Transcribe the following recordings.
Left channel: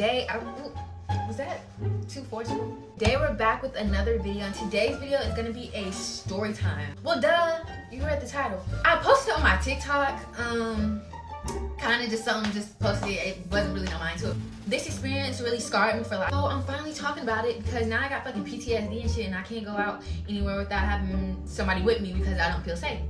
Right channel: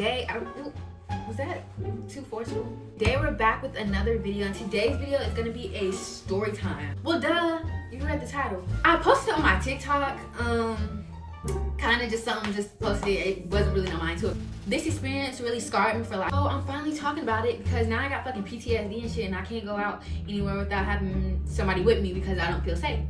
today, was that too forceful? Today we're back with another video, and today's video is gonna be a story time. Well, duh, you read the title. I posted on my TikTok, kind of just something, just posted it. It wasn't really on mine too. This experience really scarred me for life. So I'm finally talking about it because now I got fucking PTSD and shit, and I can't go out anywhere without having somebody with me because I don't feel safe.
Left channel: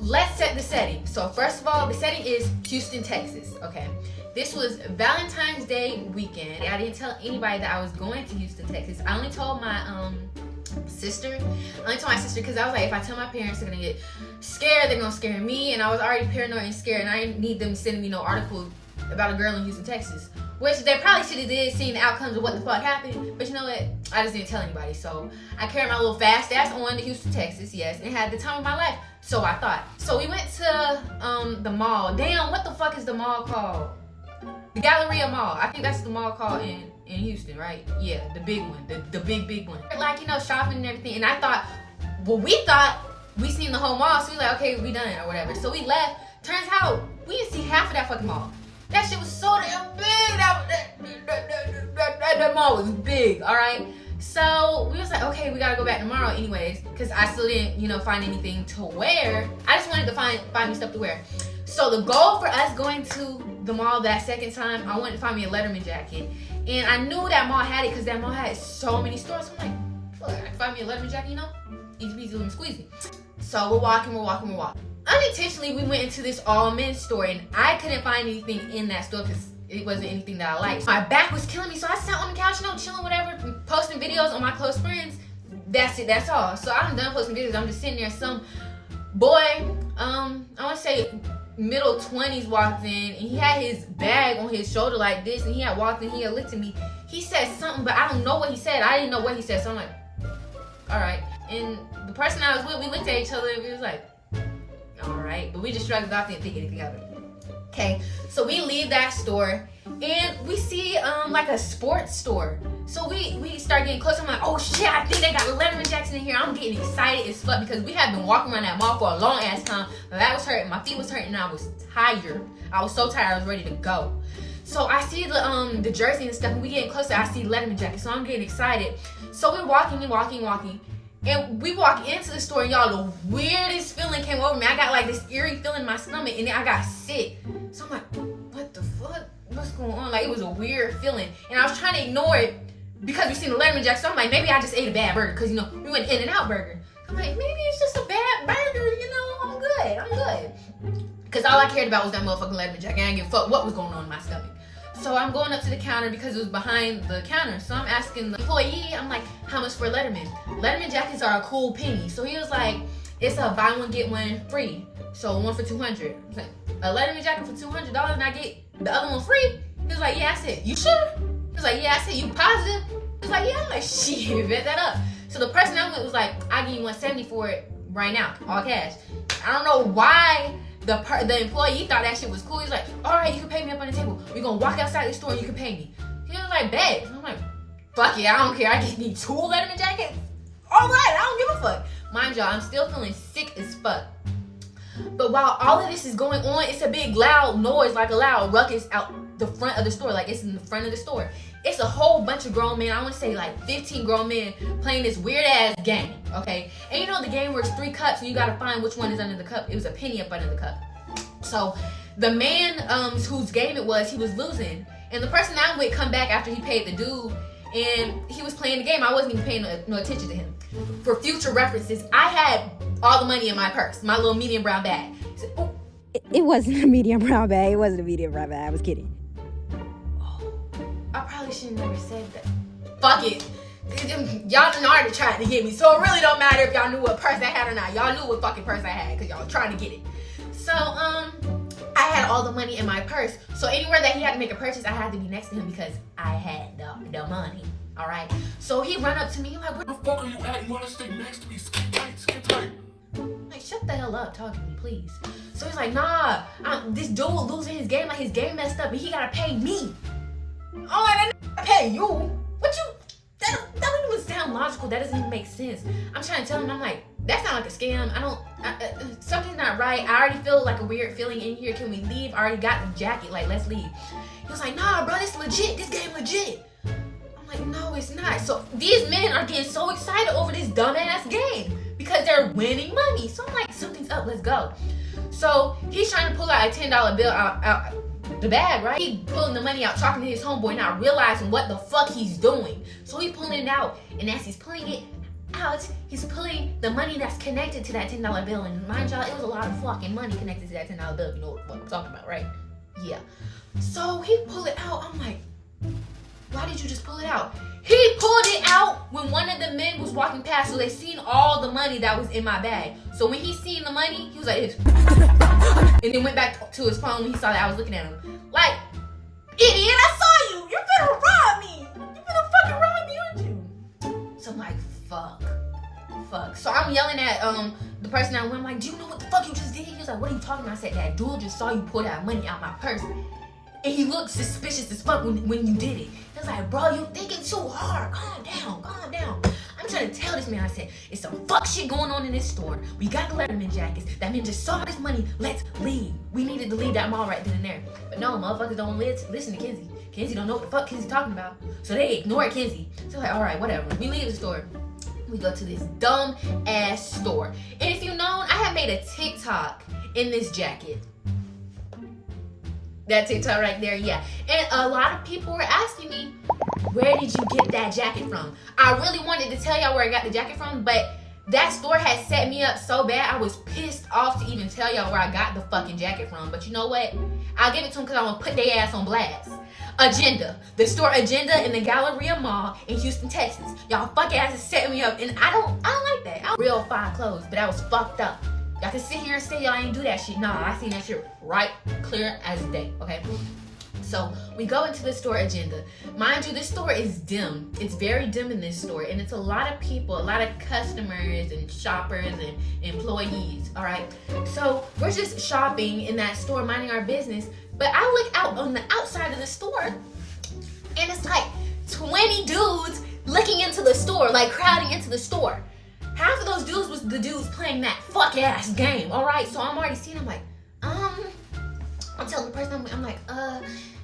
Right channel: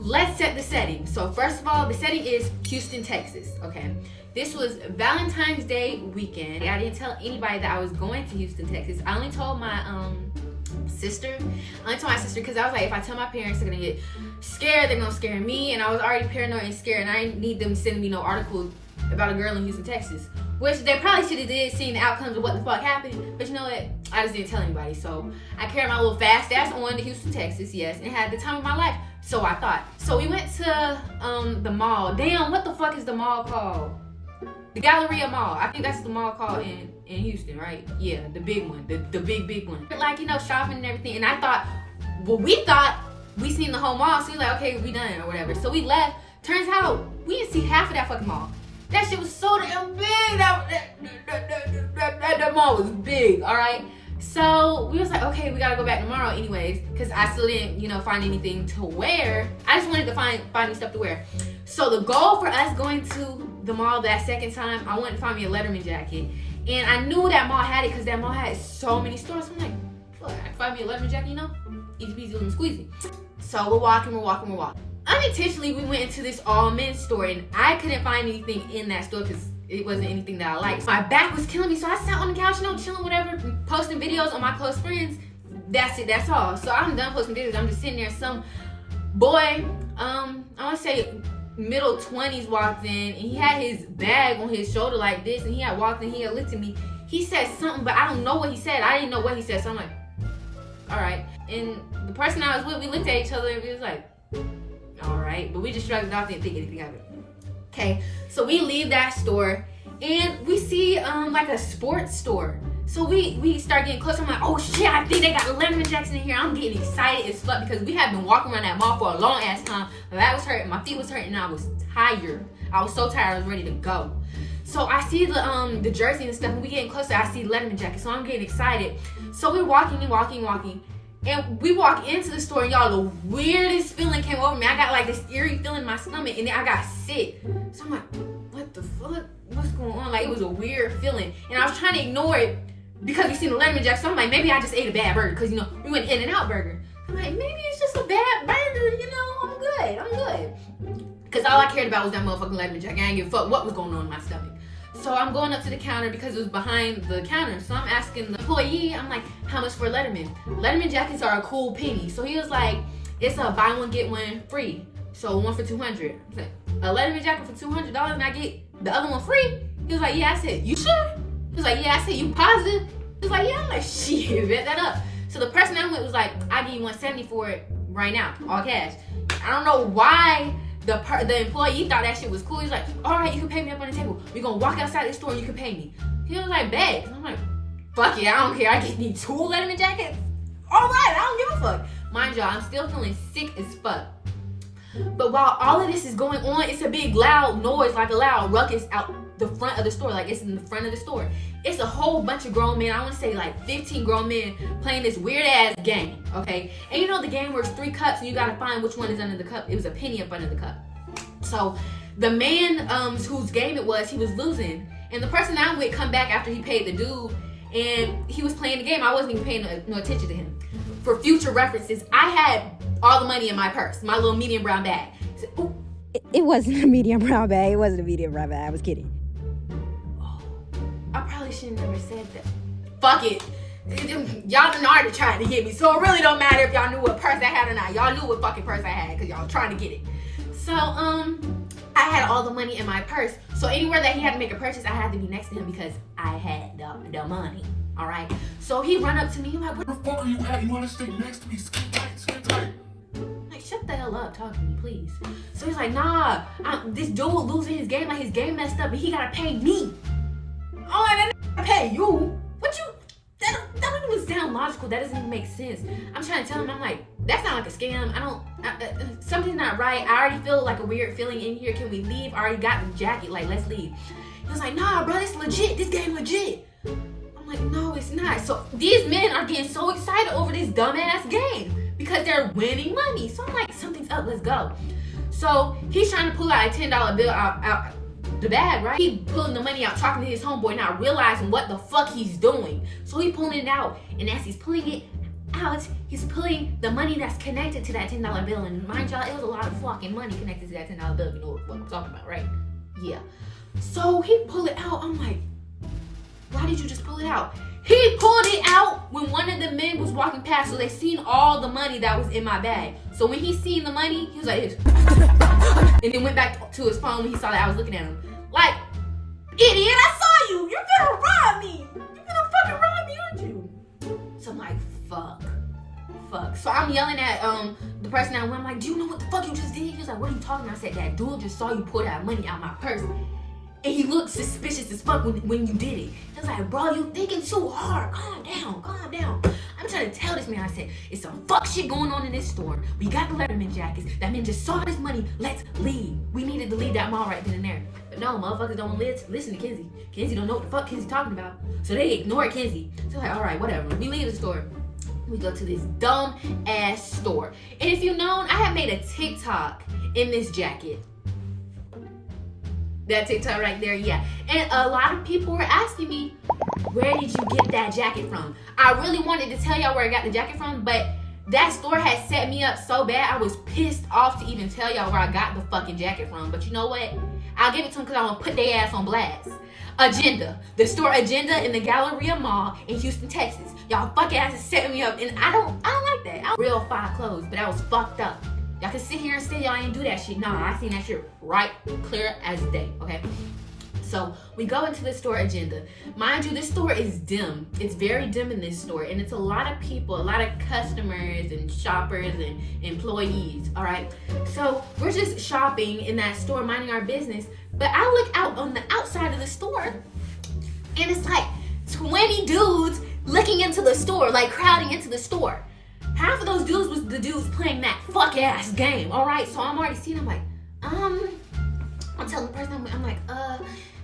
Let's set the setting. So first of all, the setting is Houston, Texas, okay? This was Valentine's Day weekend. I didn't tell anybody that I was going to Houston, Texas. I only told my sister. Because I was like, if I tell my parents, they're gonna get scared. They're gonna scare me, and I was already paranoid and scared, and I didn't need them sending me no article about a girl in Houston, Texas. Which they probably should have did, seeing the outcomes of what the fuck happened. But you know what? I just didn't tell anybody. So I carried my little fast ass on to Houston, Texas, yes, and had the time of my life. So I thought. So we went to the mall. Damn, what the fuck is the mall called? The Galleria Mall. I think that's the mall called in Houston, right? Yeah, the big one. The big one. Like, you know, shopping and everything. And I thought, well, we thought we seen the whole mall. So we like, okay, we done or whatever. So we left. Turns out, we didn't see half of that fucking mall. That shit was so damn big. That mall was big, all right? So we was like, okay, we gotta go back tomorrow anyways, because I still didn't, you know, find anything to wear. I just wanted to find me stuff to wear. So the goal for us going to the mall that second time, I wanted to find me a Letterman jacket. And I knew that mall had it because that mall had so many stores. So I'm like, fuck, I can find me a Letterman jacket, you know? Easy peasy lemon squeezy. So we're walking. Unintentionally, we went into this all men's store, and I couldn't find anything in that store because it wasn't anything that I liked. My back was killing me, so I sat on the couch, you know, chilling, whatever, posting videos on my close friends. That's it, that's all. So I'm done posting videos. I'm just sitting there. Some boy, I want to say middle 20s walked in, and he had his bag on his shoulder like this, and he had walked in, he had looked at me. He said something, but I don't know what he said. I didn't know what he said, so I'm like, all right. And the person I was with, we looked at each other, and we was like, all right, but we just shrugged it off, didn't think anything of it. Okay, so we leave that store, and we see like a sports store. So we start getting closer. I'm like, oh shit, I think they got Letterman jackets in here. I'm getting excited as fuck because we had been walking around that mall for a long ass time. My back was hurting, my feet was hurting, and I was tired. I was so tired, I was ready to go. So I see the jersey and stuff, and we getting closer. I see Letterman jackets, so I'm getting excited. So we're walking. And we walk into the store, and y'all, the weirdest feeling came over me. I got like this eerie feeling in my stomach, and then I got sick. So I'm like, what the fuck? What's going on? Like, it was a weird feeling. And I was trying to ignore it because we seen the Letterman jacket. So I'm like, maybe I just ate a bad burger because, you know, we went In-N-Out Burger. I'm like, maybe it's just a bad burger, you know? I'm good. Because all I cared about was that motherfucking Letterman jacket. I didn't give a fuck what was going on in my stomach. So I'm going up to the counter because it was behind the counter. So I'm asking the employee, I'm like, how much for Letterman? Letterman jackets are a cool penny. So he was like, it's a buy one, get one free. So one for $200. I was like, a Letterman jacket for $200 and I get the other one free? He was like, yeah. I said, you sure? He was like, yeah. I said, you positive? He was like, yeah. I'm like, shit, bet that up. So the person I went was like, I give you $170 for it right now, all cash. I don't know why the employee thought that shit was cool. He's like, all right, you can pay me up on the table. We're gonna walk outside the store and you can pay me. He was like, bet. I'm like, fuck it, I don't care. I just need 2 Letterman jackets. All right, I don't give a fuck. Mind y'all, I'm still feeling sick as fuck. But while all of this is going on, it's a big loud noise, like a loud ruckus out the front of the store. Like, it's in the front of the store. It's a whole bunch of grown men. I want to say like 15 grown men playing this weird ass game, okay? And you know the game works 3 cups, and you gotta find which one is under the cup. It was a penny up under the cup. So the man whose game it was, he was losing, and the person I'm with come back after he paid the dude, and he was playing the game. I wasn't even paying no attention to him. For future references, I had all the money in my purse, my little medium brown bag. So, it wasn't a medium brown bag. It wasn't a medium brown bag. I was kidding. I probably shouldn't have never said that. Fuck it. Y'all done already tried to get me, so it really don't matter if y'all knew what purse I had or not. Y'all knew what fucking purse I had because y'all trying to get it. So, I had all the money in my purse. So anywhere that he had to make a purchase, I had to be next to him because I had the money. All right. So he run up to me. He's like, "Where the fuck are you at? You want to stay next to me? Skin tight." Like, shut the hell up, talking to me, please. So he's like, nah, this dude losing his game, like his game messed up, and he gotta pay me. Oh, I didn't pay you. What you? That don't even sound logical. That doesn't even make sense. I'm trying to tell him, I'm like, that sounds like a scam. Something's not right. I already feel like a weird feeling in here. Can we leave? I already got the jacket. Like, let's leave. He was like, nah, bro, it's legit. This game legit. I'm like, no, it's not. So these men are getting so excited over this dumbass game because they're winning money. So I'm like, something's up. Let's go. So he's trying to pull out a $10 bill out the bag, right? He pulling the money out, talking to his homeboy, not realizing what the fuck he's doing. So he pulling it out, and as he's pulling it out, he's pulling the money that's connected to that $10 bill. And mind y'all, it was a lot of fucking money connected to that $10 bill. You know what I'm talking about, right? Yeah. So he pulled it out. I'm like, why did you just pull it out? He pulled it out when one of the men was walking past, so they seen all the money that was in my bag. So when he seen the money, he was like, and then went back to his phone when he saw that I was looking at him. Like, idiot, I saw you. You're gonna rob me. You're gonna fucking rob me, aren't you? So I'm like, fuck. So I'm yelling at the person that went. I'm like, do you know what the fuck you just did? He was like, what are you talking about? I said, that dude just saw you pull that money out my purse. And he looked suspicious as fuck when you did it. He was like, bro, you thinking too hard. Calm down. I'm trying to tell this man, I said, it's some fuck shit going on in this store. We got the Letterman jackets. That man just saw this money. Let's leave. We needed to leave that mall right then and there. But no, motherfuckers don't listen to Kenzie. Kenzie don't know what the fuck Kenzie talking about. So they ignore Kenzie. So like, all right, whatever. We leave the store. We go to this dumb ass store. And if you've known, I have made a TikTok in this jacket. That TikTok right there, yeah. And a lot of people were asking me, where did you get that jacket from? I really wanted to tell y'all where I got the jacket from, but that store had set me up so bad, I was pissed off to even tell y'all where I got the fucking jacket from. But you know what? I'll give it to them because I want to put their ass on blast. Agenda. The store Agenda in the Galleria Mall in Houston, Texas. Y'all fuck asses set me up, and I don't like that. I real fine clothes, but I was fucked up. Y'all can sit here and say y'all ain't do that shit. Nah, I seen that shit right clear as day, okay? So we go into the store Agenda. Mind you, this store is dim. It's very dim in this store, and it's a lot of people, a lot of customers and shoppers and employees, all right? So we're just shopping in that store, minding our business, but I look out on the outside of the store, and it's like 20 dudes looking into the store, like crowding into the store. Half of those dudes was the dudes playing that fuck ass game, all right? So I'm already seeing, I'm like, I'm telling the person, I'm like,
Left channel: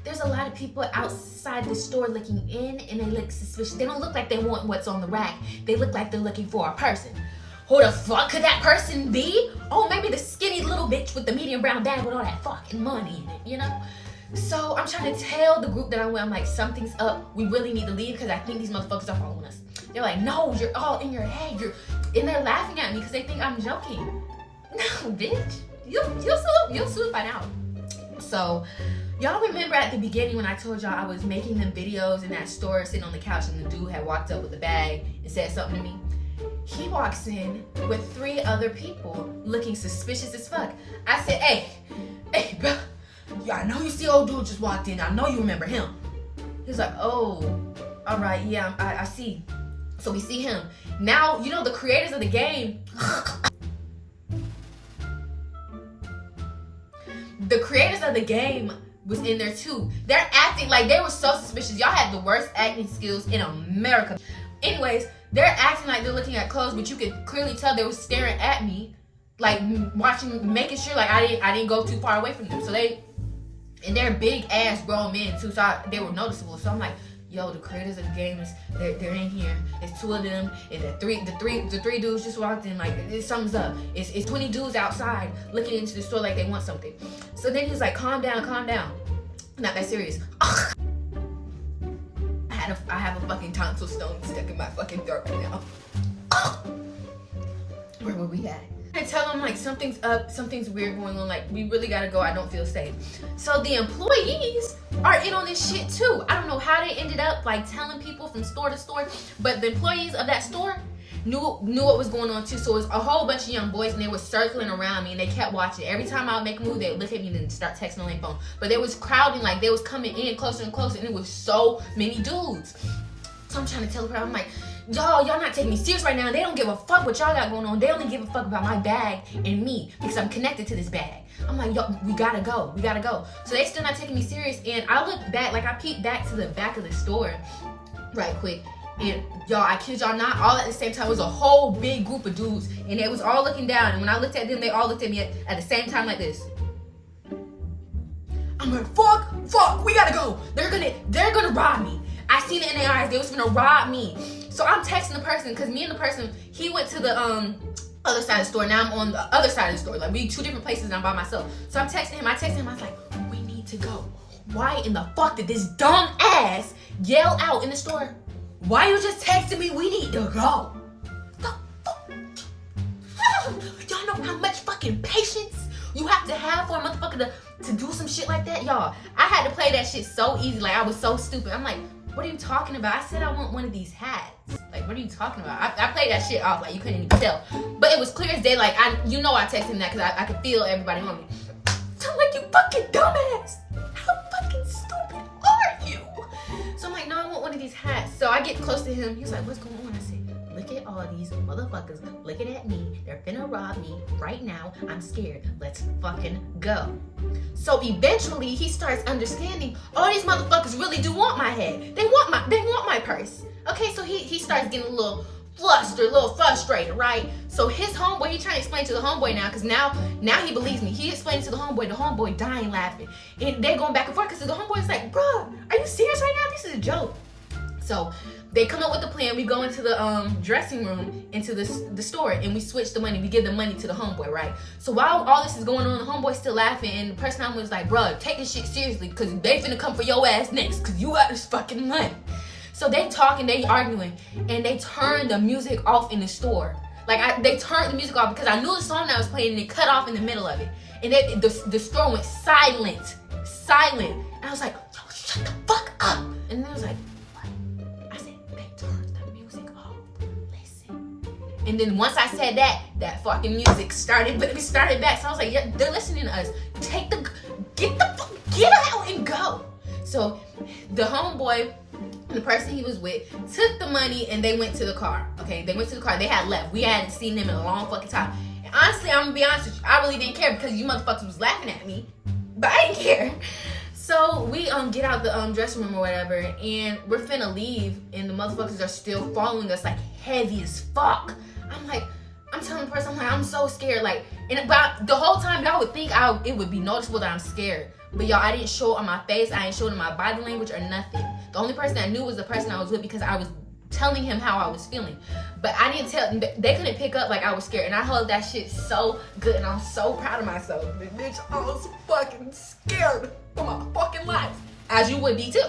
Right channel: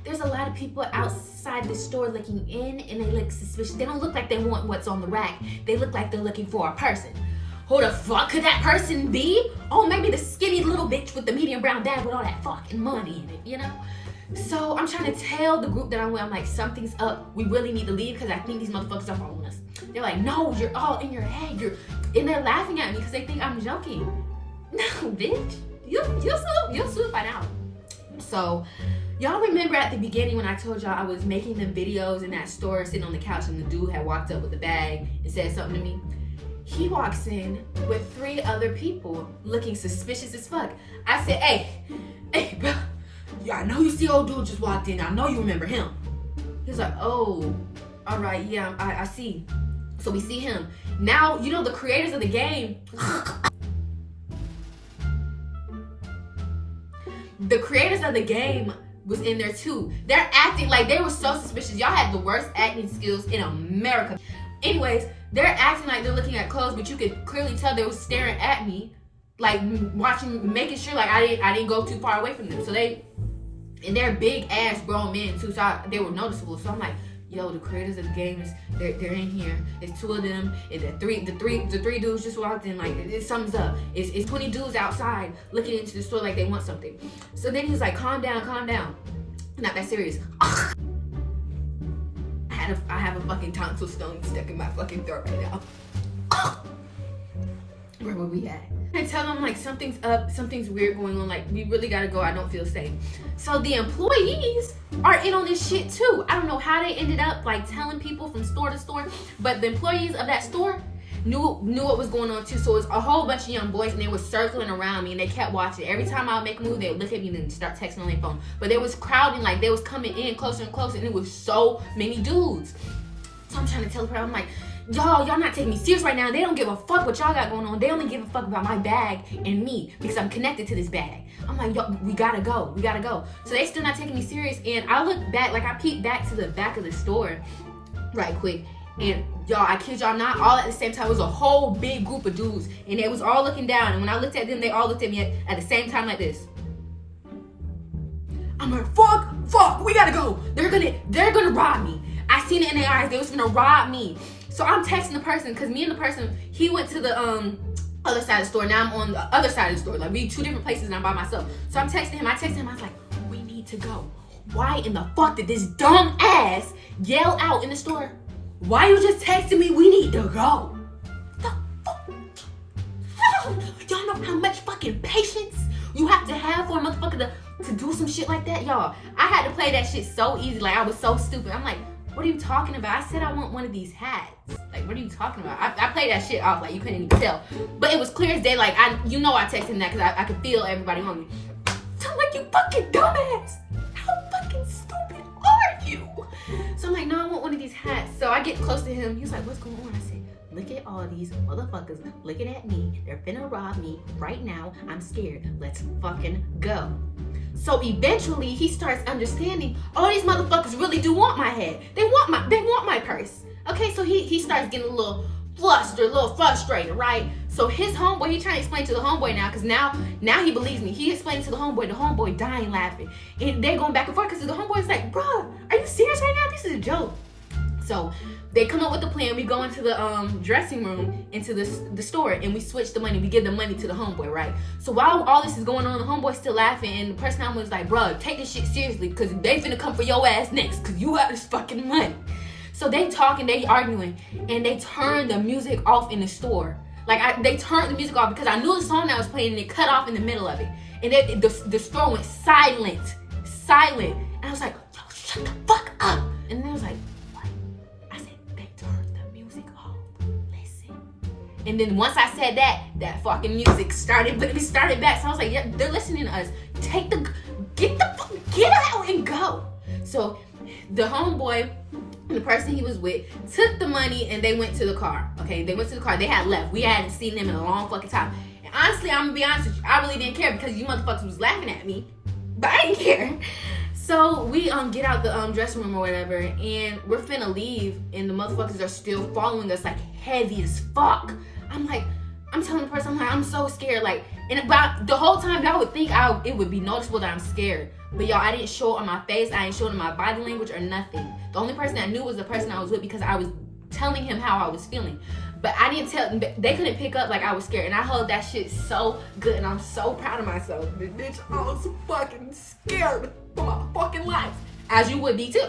there's a lot of people outside the store looking in, and they look suspicious. They don't look like they want what's on the rack. They look like they're looking for a person. Who the fuck could that person be? Oh, maybe the skinny little bitch with the medium brown bag with all that fucking money in it, you know? So I'm trying to tell the group that I'm with, I'm like, something's up. We really need to leave because I think these motherfuckers are following us. They're like, no, you're all in your head. And they're laughing at me because they think I'm joking. No, bitch. You'll soon find out. So, y'all remember at the beginning when I told y'all I was making them videos in that store sitting on the couch and the dude had walked up with a bag and said something to me? He walks in with 3 other people looking suspicious as fuck. I said, hey, bro. Yeah, I know you see old dude just walked in. I know you remember him. He was like, oh, all right, yeah, I see. So we see him. Now, you know, the creators of the game, was in there too. They're acting like they were so suspicious. Y'all had the worst acting skills in America. Anyways, they're acting like they're looking at clothes, but you could clearly tell they were staring at me, like watching, making sure like I didn't go too far away from them. So they're big ass grown men too, so they were noticeable. So I'm like, yo, the creators of the game they're in here. It's 2 of them, and the three dudes just walked in. Like, something's up. It's 20 dudes outside looking into the store like they want something. So then he's like, calm down. Not that serious. I have a fucking tonsil stone stuck in my fucking throat right now. Where were we at? I tell them like something's up, something's weird going on, like we really gotta go, I don't feel safe. So the employees are in on this shit too. I don't know how they ended up like telling people from store to store, but the employees of that store knew what was going on too. So it was a whole bunch of young boys, and they were circling around me, and they kept watching. Every time I would make a move, they would look at me and then start texting on their phone. But they was crowding, like they was coming in closer and closer, and it was so many dudes. So I'm trying to tell the crowd, I'm like, y'all not taking me serious right now. They don't give a fuck what y'all got going on. They only give a fuck about my bag and me because I'm connected to this bag. I'm like, yo, we gotta go. So they still not taking me serious, and I look back, like I peeked back to the back of the store right quick, And y'all, I kid y'all not, all at the same time. It was a whole big group of dudes, and they was all looking down. And when I looked at them, they all looked at me at the same time like this. I'm like, fuck, we gotta go. They're gonna rob me. I seen it in their eyes. They was gonna rob me. So I'm texting the person, because me and the person, he went to the other side of the store. Now I'm on the other side of the store. Like, we two different places and I'm by myself. So I'm texting him. I was like, we need to go. Why in the fuck did this dumb ass yell out in the store? Why you just texting me? We need to go. The fuck? Y'all know how much fucking patience you have to have for a motherfucker to do some shit like that? Y'all, I had to play that shit so easy. Like, I was so stupid. I'm like, what are you talking about? I said I want one of these hats. Like, what are you talking about? I played that shit off. Like, you couldn't even tell. But it was clear as day. Like, I texted him that because I could feel everybody on me. So I'm like, you fucking dumbass. How fucking stupid are you? So I'm like, no, I want one of these hats. So I get close to him. He was like, what's going on? I said, look at all these motherfuckers looking at me. They're finna rob me right now. I'm scared. Let's fucking go. So eventually he starts understanding, oh, these motherfuckers really do want my head. They want my purse. Okay, so he starts getting a little flustered, a little frustrated, right? So his homeboy, he trying to explain to the homeboy now, because now he believes me. He explained to the homeboy dying laughing. And they're going back and forth because the homeboy's like, bruh, are you serious right now? This is a joke. So they come up with the plan. We go into the dressing room, into the store, and we switch the money. We give the money to the homeboy, right? So while all this is going on, the homeboy's still laughing, and the person I'm with is like, bruh, take this shit seriously, because they finna come for your ass next, because you got this fucking money. So they talking, they arguing, and they turn the music off in the store. Like, they turned the music off because I knew the song that was playing, and it cut off in the middle of it. And the store went silent. And I was like, yo, shut the fuck up. And then I was like, what? I said, they turned the music off. Listen. And then once I said that fucking music started back. So I was like, yeah, they're listening to us. Get out and go. So the homeboy, the person he was with, took the money and they went to the car. Okay, they went to the car. They had left. We hadn't seen them in a long fucking time. And honestly, I'm gonna be honest with you, I really didn't care because you motherfuckers was laughing at me, but I didn't care. So we get out the dressing room or whatever, and we're finna leave, and the motherfuckers are still following us like heavy as fuck. I'm telling the person, I'm so scared. Like, and about the whole time, y'all would think it would be noticeable that I'm scared. But y'all, I didn't show it on my face. I didn't show it in my body language or nothing. The only person that knew was the person I was with, because I was telling him how I was feeling. But I didn't tell, they couldn't pick up like I was scared. And I held that shit so good, and I'm so proud of myself. Bitch, I was fucking scared for my fucking life. As you would be too.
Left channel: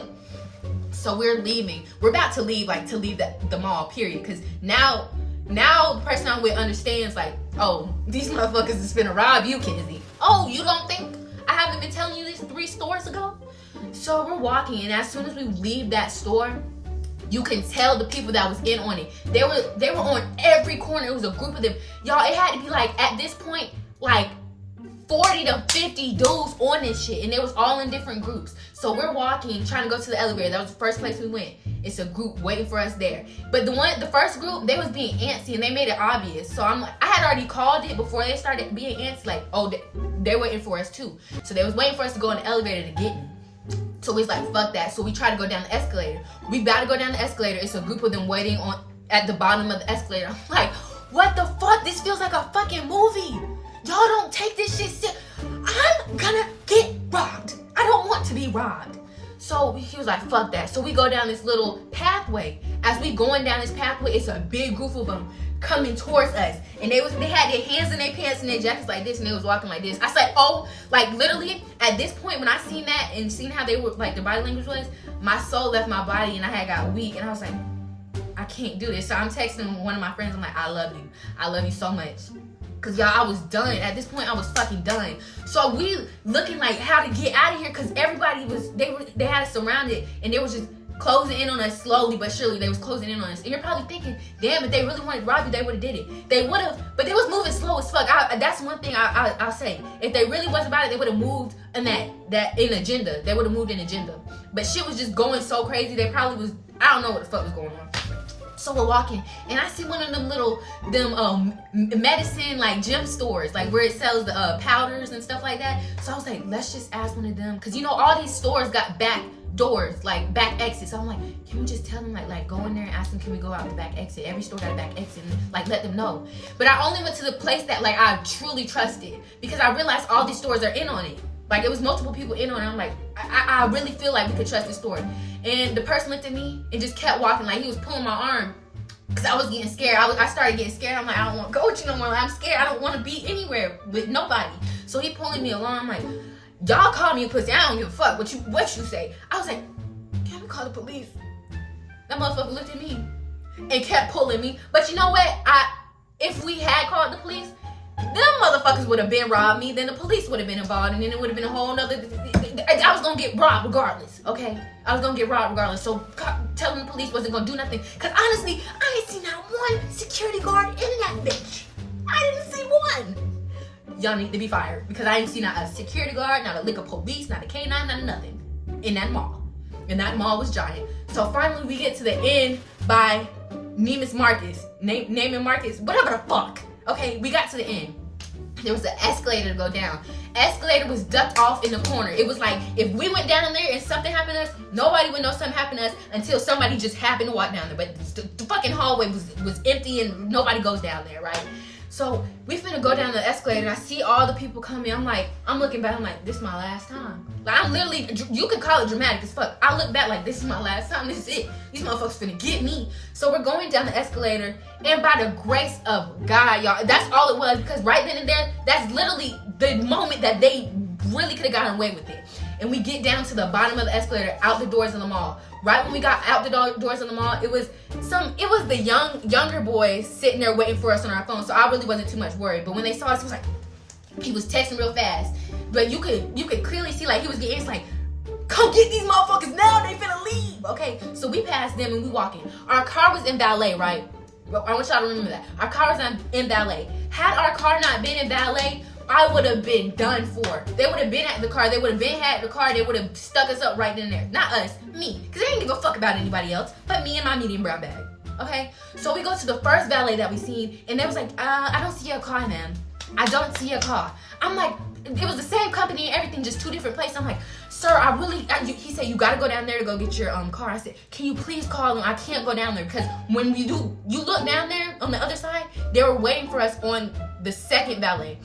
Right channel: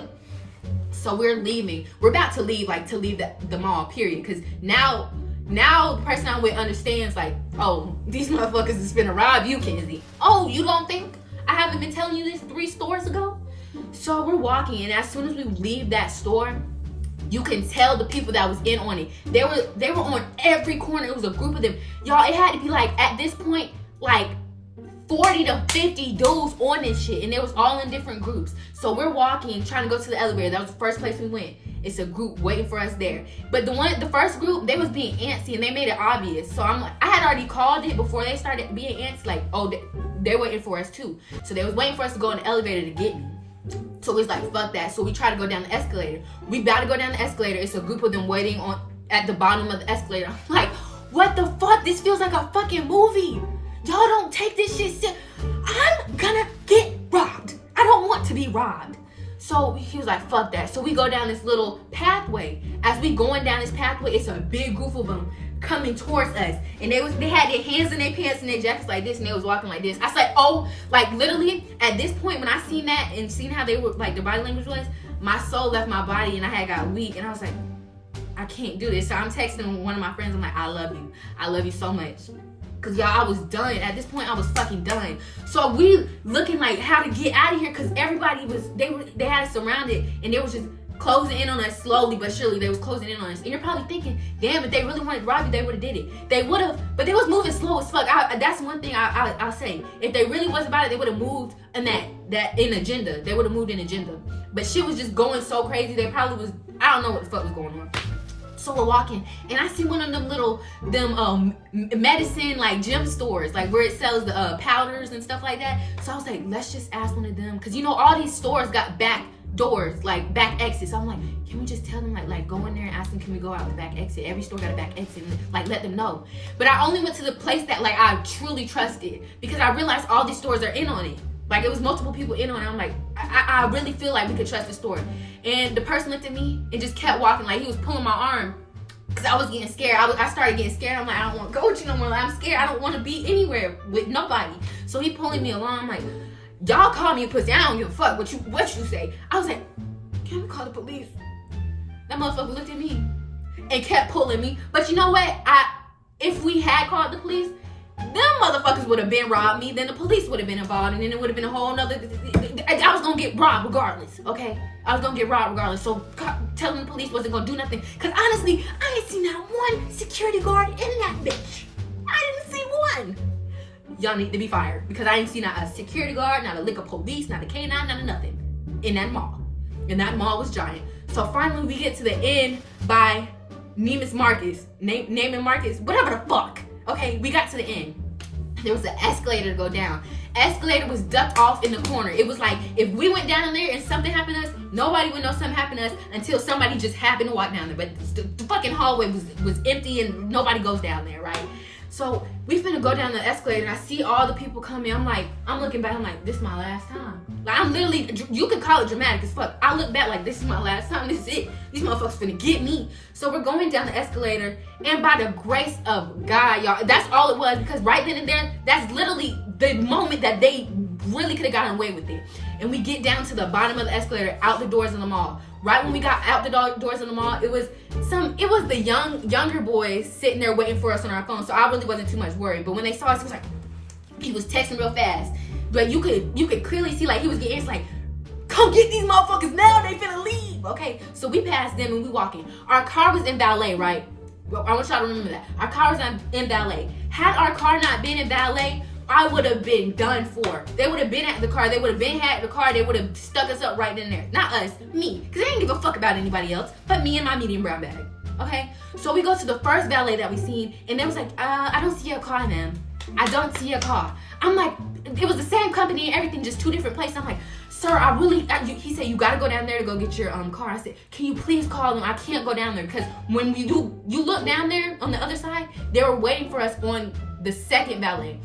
So we're leaving. We're about to leave, like to leave the mall, period. Because now the person I'm with understands, like, oh, these motherfuckers is finna rob you, Kenzie. Oh, you don't think I haven't been telling you this 3 stores ago? So we're walking, and as soon as we leave that store, you can tell the people that was in on it. They were on every corner. It was a group of them. Y'all, it had to be like, at this point, like 40 to 50 dudes on this shit, and they was all in different groups. So we're walking, trying to go to the elevator. That was the first place we went. It's a group waiting for us there. But the first group, they was being antsy, and they made it obvious. So I'm like, I had already called it before they started being antsy, like, oh, they're waiting for us too. So they was waiting for us to go in the elevator to get me. So we was like, fuck that. So we try to go down the escalator. We about to go down the escalator. It's a group of them waiting at the bottom of the escalator. I'm like, what the fuck? This feels like a fucking movie. Y'all don't take this shit serious. I'm gonna get robbed. I don't want to be robbed. So he was like, fuck that. So we go down this little pathway. As we going down this pathway, it's a big group of them coming towards us. And they had their hands in their pants and their jackets like this, and they was walking like this. I said, oh, like literally at this point when I seen that and seen how they were, like the body language was, my soul left my body and I had got weak, and I was like, I can't do this. So I'm texting one of my friends. I'm like, I love you. I love you so much. Cause y'all, I was done. At this point, I was fucking done. So we looking like how to get out of here, cause everybody they had us surrounded, and they was just closing in on us slowly but surely. They was closing in on us, and you're probably thinking, damn, if they really wanted to rob you, they would have did it. They would have, but they was moving slow as fuck. That's one thing I'll say. If they really was about it, they would have moved in that in agenda. They would have moved in agenda. But shit was just going so crazy. They probably was. I don't know what the fuck was going on. So we're walking, and I see one of them medicine like gym stores, like where it sells the powders and stuff like that. So I was like, let's just ask one of them, because you know all these stores got back doors, like back exits. So I'm like, can we just tell them like go in there and ask them, can we go out the back exit? Every store got a back exit, and like let them know. But I only went to the place that like I truly trusted, because I realized all these stores are in on it. Like it was multiple people in on it. I'm like, I really feel like we could trust the store. And the person looked at me and just kept walking, like he was pulling my arm, because I was getting scared. I started getting scared. I'm like, I don't want to go with you no more. Like, I'm scared. I don't want to be anywhere with nobody. So he pulling me along. I'm like, y'all call me a pussy. I don't give a fuck what you say. I was like, can we call the police? That motherfucker looked at me and kept pulling me. But you know what? If we had called the police, them motherfuckers would have been robbed me. Then the police would have been involved, and then it would have been a whole nother. I was gonna get robbed regardless. Okay, I was gonna get robbed regardless. So telling the police wasn't gonna do nothing. Cause honestly, I ain't seen not one security guard in that bitch. I didn't see one. Y'all need to be fired, because I didn't see not a security guard, not a liquor police, not a K9, not nothing in that mall. And that mall was giant. So finally we get to the end by Neiman Marcus, Neiman Marcus, whatever the fuck. Okay, we got to the end. There was an escalator to go down. Escalator was ducked off in the corner. It was like, if we went down there and something happened to us, nobody would know something happened to us until somebody just happened to walk down there. But the fucking hallway was empty and nobody goes down there, right? So we finna go down the escalator, and I see all the people coming. I'm looking back, I'm like, this is my last time. Like, I'm literally, you could call it dramatic as fuck. I look back like, this is my last time, this is it. These motherfuckers finna get me. So we're going down the escalator, and by the grace of God, y'all, that's all it was, because right then and there, that's literally the moment that they really could have gotten away with it. And we get down to the bottom of the escalator, out the doors of the mall. Right when we got out the doors of the mall, it was the younger boys sitting there waiting for us on our phone. So I really wasn't too much worried. But when they saw us, he was texting real fast. But you could clearly see, like, he was getting, it's like, come get these motherfuckers now, they finna leave. Okay, so we passed them and we walking. Our car was in Valet, right? I want y'all to remember that. Our car was in Valet. Had our car not been in Valet, I would have been done for. They would have been at the car. They would have been at the car. They would have stuck us up right then and there. Not us, me. Because they didn't give a fuck about anybody else but me and my medium brown bag. Okay? So we go to the first Valet that we seen, and they was like, I don't see your car, ma'am. I don't see your car. I'm like, it was the same company and everything, just two different places. I'm like, sir, he said, you gotta go down there to go get your car. I said, can you please call them? I can't go down there, because when you look down there on the other side, they were waiting for us on the second Valet.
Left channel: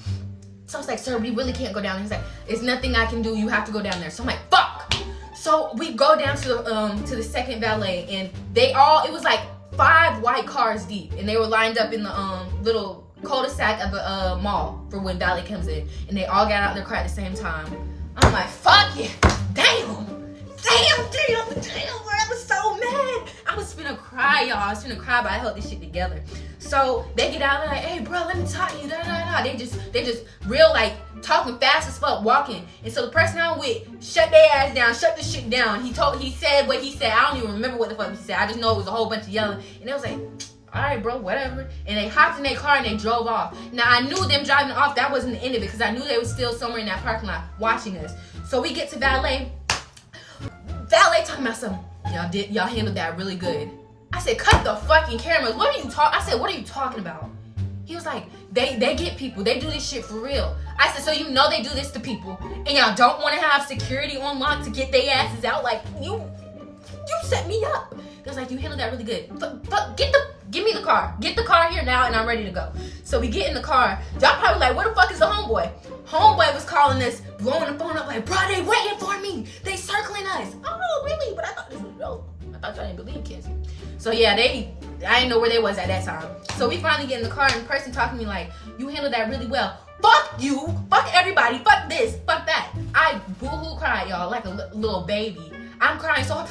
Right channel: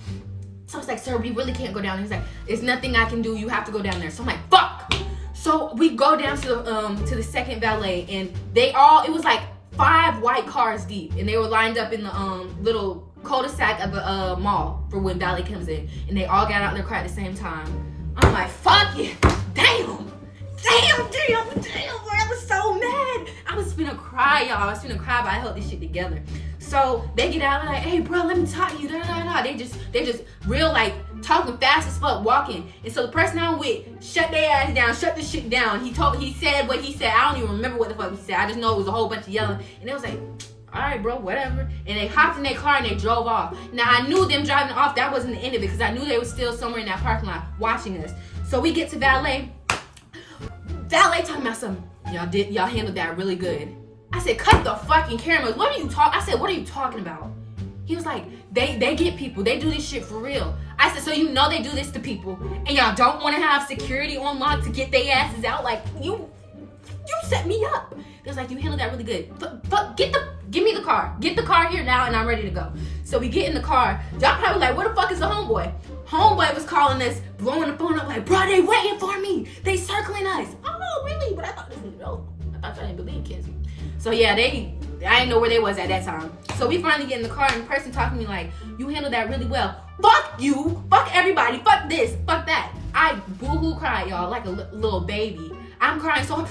So I was like, sir, we really can't go down there. He's like, it's nothing I can do. You have to go down there. So I'm like, fuck. So we go down to the second Valet, and it was like 5 white cars deep, and they were lined up in the little cul-de-sac of the mall for when Valet comes in, and they all got out their car at the same time. I'm like, fuck yeah, damn, I was so mad. I was finna cry, y'all. I was finna cry, but I held this shit together. So they get out, like, hey bro, let me talk to you. They just real, like, talking fast as fuck, walking. And so the person I'm with shut their ass down, shut the shit down. He said what he said. I don't even remember what the fuck he said. I just know it was a whole bunch of yelling. And they was like, all right, bro, whatever. And they hopped in their car and they drove off. Now I knew them driving off, that wasn't the end of it, because I knew they were still somewhere in that parking lot watching us. So we get to Valet. Valet talking about something. Y'all handled that really good. I said, cut the fucking cameras. I said, what are you talking about? He was like, they get people. They do this shit for real. I said, so you know they do this to people, and y'all don't want to have security on lock to get their asses out? Like, you set me up. He was like, you handled that really good. Give me the car. Get the car here now, and I'm ready to go. So we get in the car. Y'all probably like, where the fuck is the homeboy? Homeboy was calling us, blowing the phone up like, bro, they waiting for me. They circling us. Oh, really? But I thought this was dope. I thought y'all didn't believe Kenzie. So yeah, I didn't know where they was at that time. So we finally get in the car, and the person talking to me like, you handled that really well. Fuck you. Fuck everybody. Fuck this. Fuck that. I boo-hoo cried, y'all, like a little baby. I'm crying so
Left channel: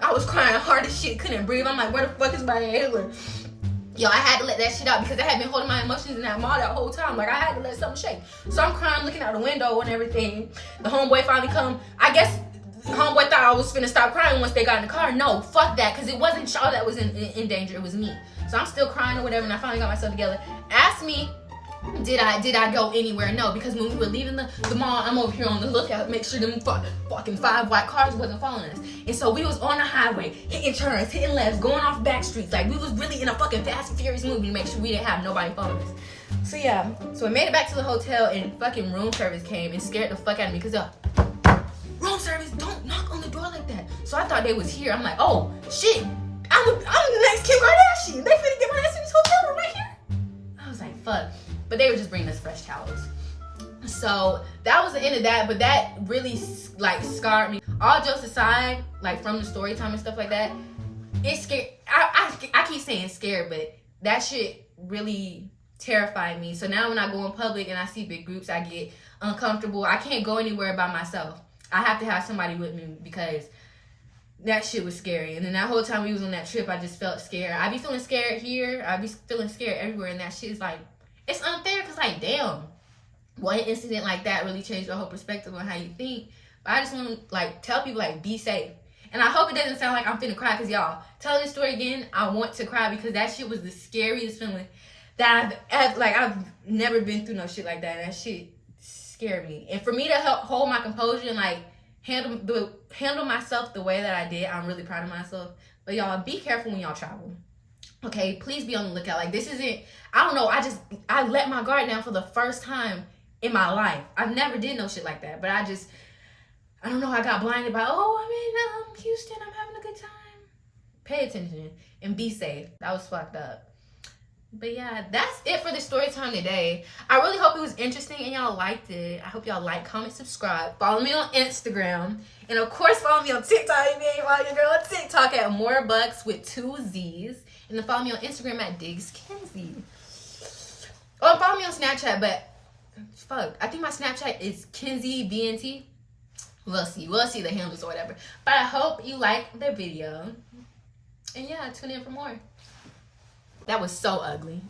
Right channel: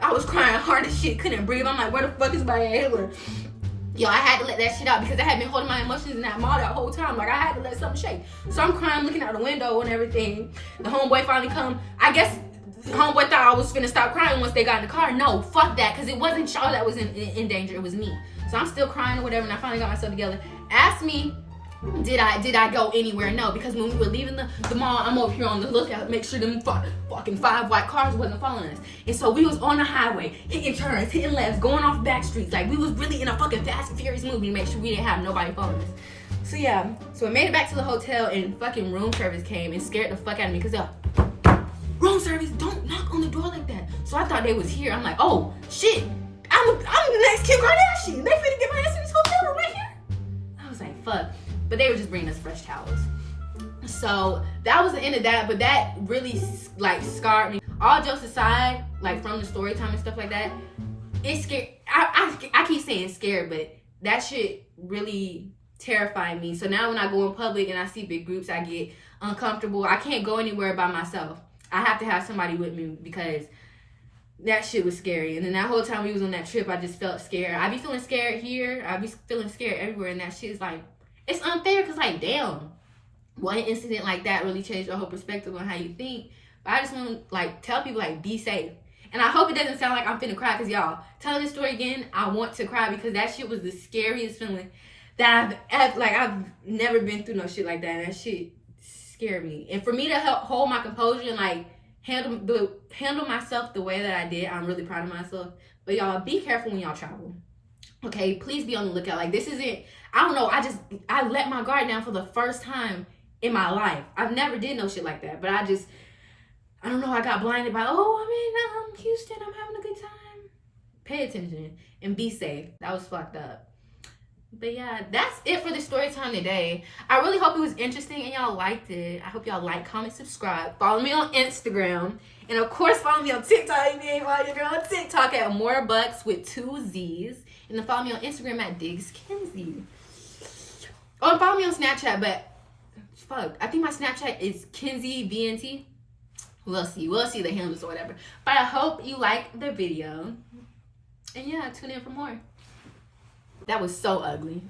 I was crying hard as shit, couldn't breathe. I'm like, where the fuck is my inhaler? Yo, I had to let that shit out, because I had been holding my emotions in that mall that whole time. Like, I had to let something shake. So I'm crying, looking out the window and everything. The homeboy finally come. I guess homeboy thought I was finna stop crying once they got in the car. No, fuck that, because it wasn't y'all that was in danger. It was me. So I'm still crying or whatever, and I finally got myself together. Asked me, did I go anywhere? No, because when we were leaving the mall, I'm over here on the lookout, make sure them fucking 5 white cars wasn't following us. And so we was on the highway, hitting turns, hitting lefts, going off back streets. Like, we was really in a fucking Fast and Furious movie to make sure we didn't have nobody following us. So yeah, so we made it back to the hotel, and fucking room service came and scared the fuck out of me, because room service, don't knock on the door like that. So I thought they was here. I'm like, oh shit, I'm the next Kim Kardashian. They finna get my ass in this hotel room right here. I was like, fuck. But they were just bringing us fresh towels. So that was the end of that, but that really like scarred me. All jokes aside, like from the story time and stuff like that, it scared. I keep saying scared, but that shit really terrified me. So now when I go in public and I see big groups, I get uncomfortable. I can't go anywhere by myself. I have to have somebody with me because that shit was scary. And then that whole time we was on that trip, I just felt scared. I be feeling scared here. I be feeling scared everywhere. And that shit is like, it's unfair because like, damn, one incident like that really changed the whole perspective on how you think. But I just want to like tell people like, be safe. And I hope it doesn't sound like I'm finna cry because y'all, telling this story again, I want to cry because that shit was the scariest feeling that I've never been through no shit like that. And that shit scared me. And for me to help hold my composure and like handle myself the way that I did, I'm really proud of myself. But y'all, be careful when y'all travel. Okay, please be on the lookout. Like this isn't, I don't know, I let my guard down for the first time in my life. I've never did no shit like that. But I don't know, I got blinded by, oh, I'm in Houston, I'm having a good time. Pay attention and be safe. That was fucked up. But yeah, that's it for the story time today. I really hope it was interesting and y'all liked it. I hope y'all like, comment, subscribe. Follow me on Instagram. And of course, follow me on TikTok. If you ain't follow your girl on TikTok at morebucks with 2 Z's. And then follow me on Instagram at DiggsKenzie. Oh, and follow me on Snapchat, but fuck, I think my Snapchat is Kenzie BNT. We'll see the handles or whatever. But I hope you like the video. And yeah, tune in for more. That was so ugly.